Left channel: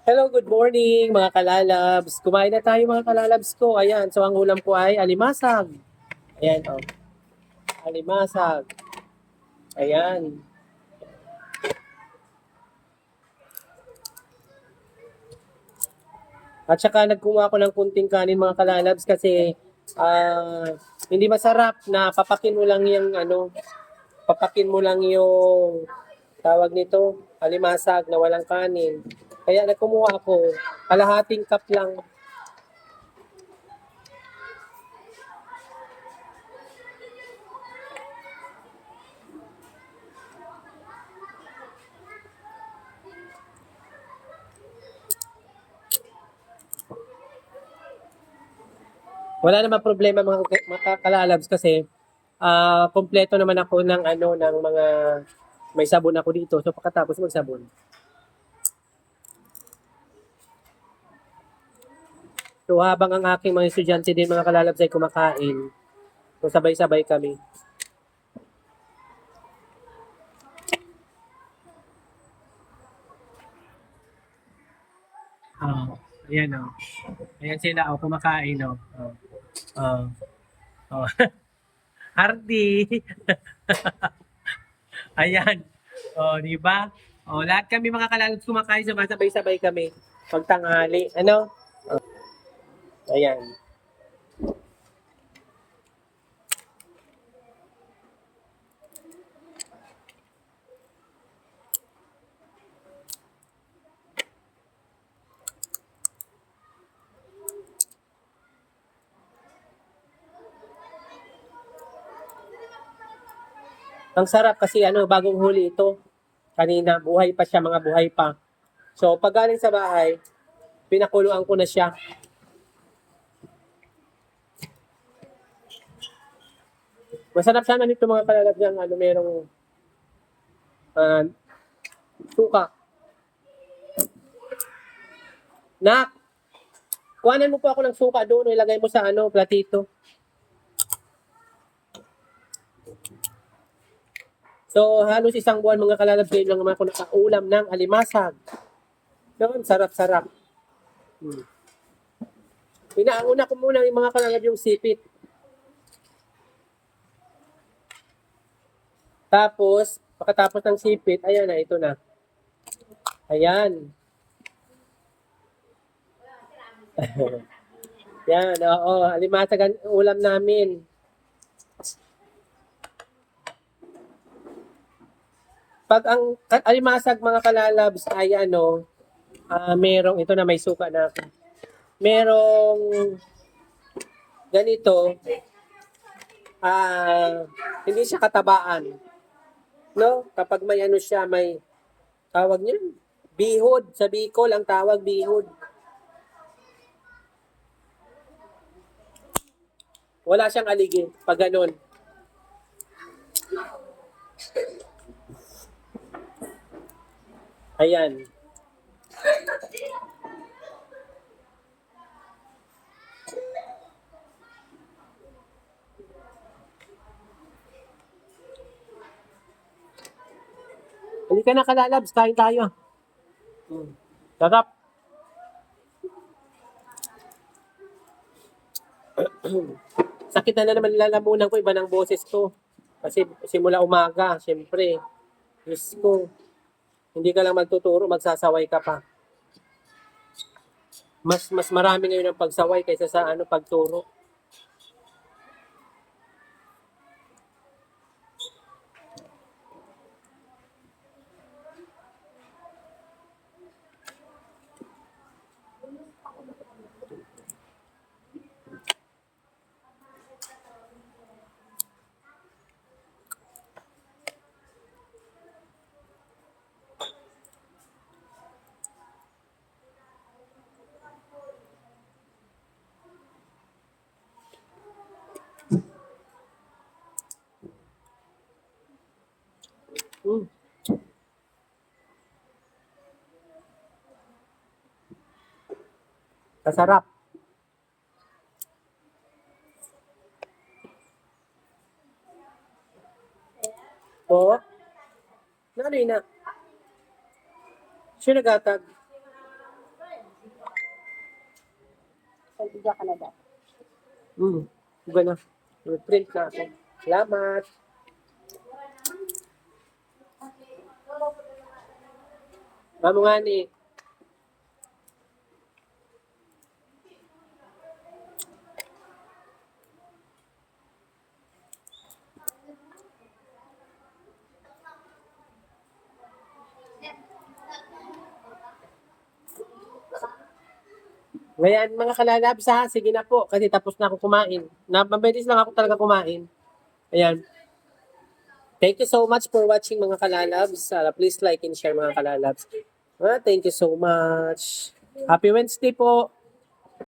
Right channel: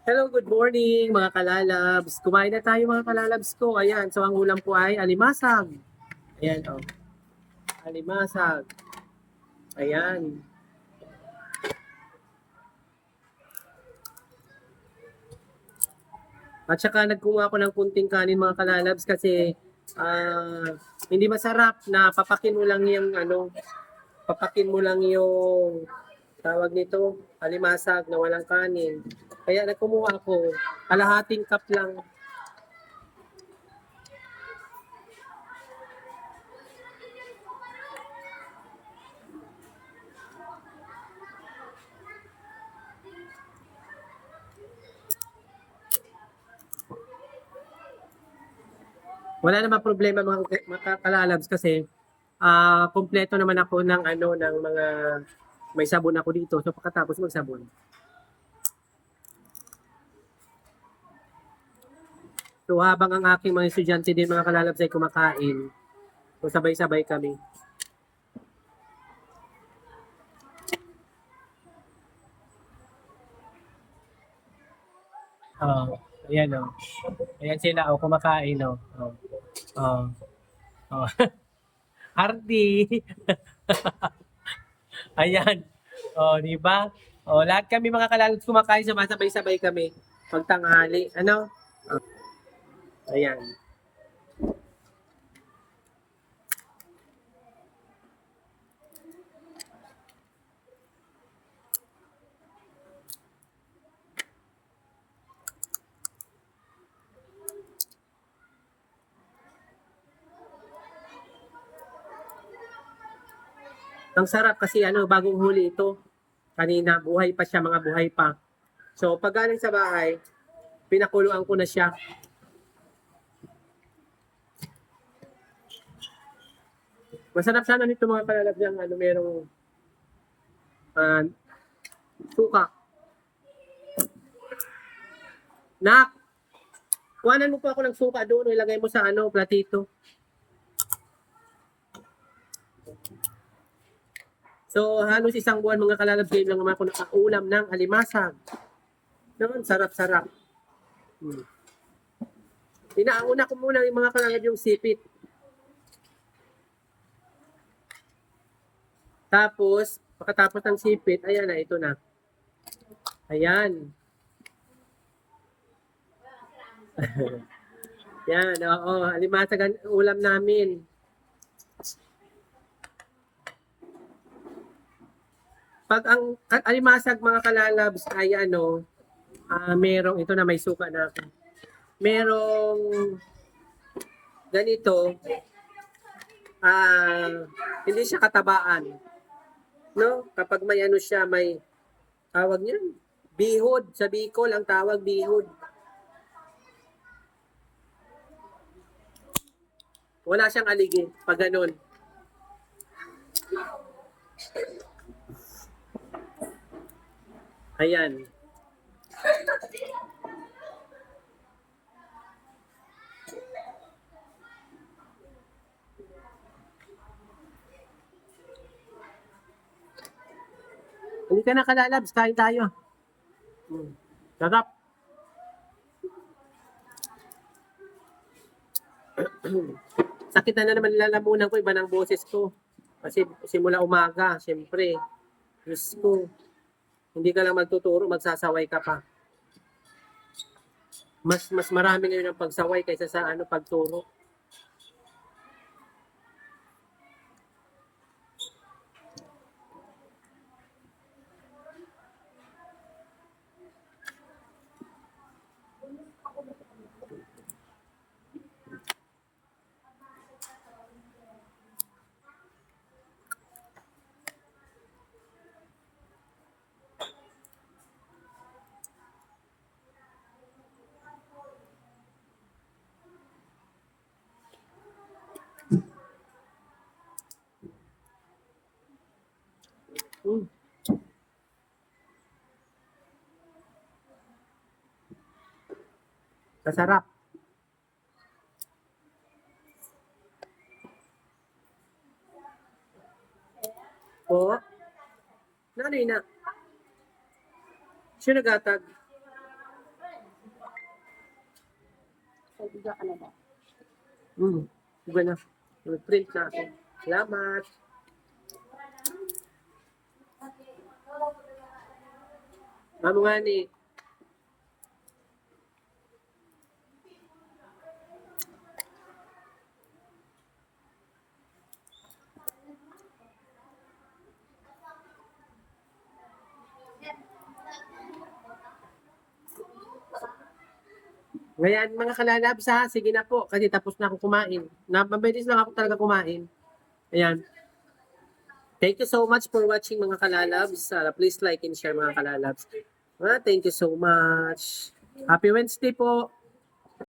Hello, good morning mga kalalabs. Kumain na tayo mga kalalabs ko. Ayan, so ang ulam ko ay alimasag. Ayan, oh. Alimasag. Ayan. At saka nagkuha ako ng kunting kanin mga kalalabs kasi hindi masarap na papakin mo lang yung papakin mo lang yung tawag nito, alimasag na walang kanin. Kaya nagkumuha ako, kalahating cup lang. Wala naman problema mga kalalabs kasi kompleto naman ako ng ng mga may sabon ako dito. So pagkatapos magsabon. So habang ang aking mga estudyante din mga kalalabs ay kumakain, so sabay-sabay kami. Oh, ayan oh. Ayan sila oh, kumakain oh. Oh. Oh. Oh. Ardi. Ayan. Oh, di ba? Oh, lahat kami mga kalalabs kumakain, sumasabay-sabay kami pagtanghali. Ano? Ayan. Ang sarap kasi bagong huli ito. Kanina, buhay pa siya, mga buhay pa. So, pag galing sa bahay, pinakuluan ko na siya. Masarap sana nito mga kalalab yung merong uh, suka. Nak, kuhanan mo po ako ng suka doon, ilagay mo sa platito. So, halos isang buwan mga kalalab, ngayon lang naman ako nakaulam ng alimasag. Noon, sarap-sarap. Inauna ko muna yung mga kalalab yung sipit. Tapos, pagkatapos ng sipit, ayan na, ito na. Ayan. Yan, oo. Alimasag ang ulam namin. Pag ang alimasag mga kalalabs ay merong, ito na may suka na ako. Merong ganito, hindi siya katabaan. No? Kapag may siya, may tawag niyan, bihod. Sa Bicol, ang tawag bihod. Wala siyang aligi pag ganun. Ayan. Hindi ka na kalalabs, kain tayo. Sarap. Sakit na naman lalamunan ko, iba ng boses ko. Kasi simula umaga, syempre. Diyos ko. Hindi ka lang magtuturo, magsasaway ka pa. Mas marami ngayon ang pagsaway kaysa sa pagturo. Mm. Kasarap. Oo. Nanoy na. Siya nagatag. Pag-iga ka na ba? Iba na. Print na ako. Salamat. Mamo nga ni. Ngayon, mga kalalabs ha, sige na po, kasi tapos na ako kumain. Mabilis lang ako talaga kumain. Ayan. Thank you so much for watching mga kalalabs. Please like and share mga kalalabs. Thank you so much. Happy Wednesday po.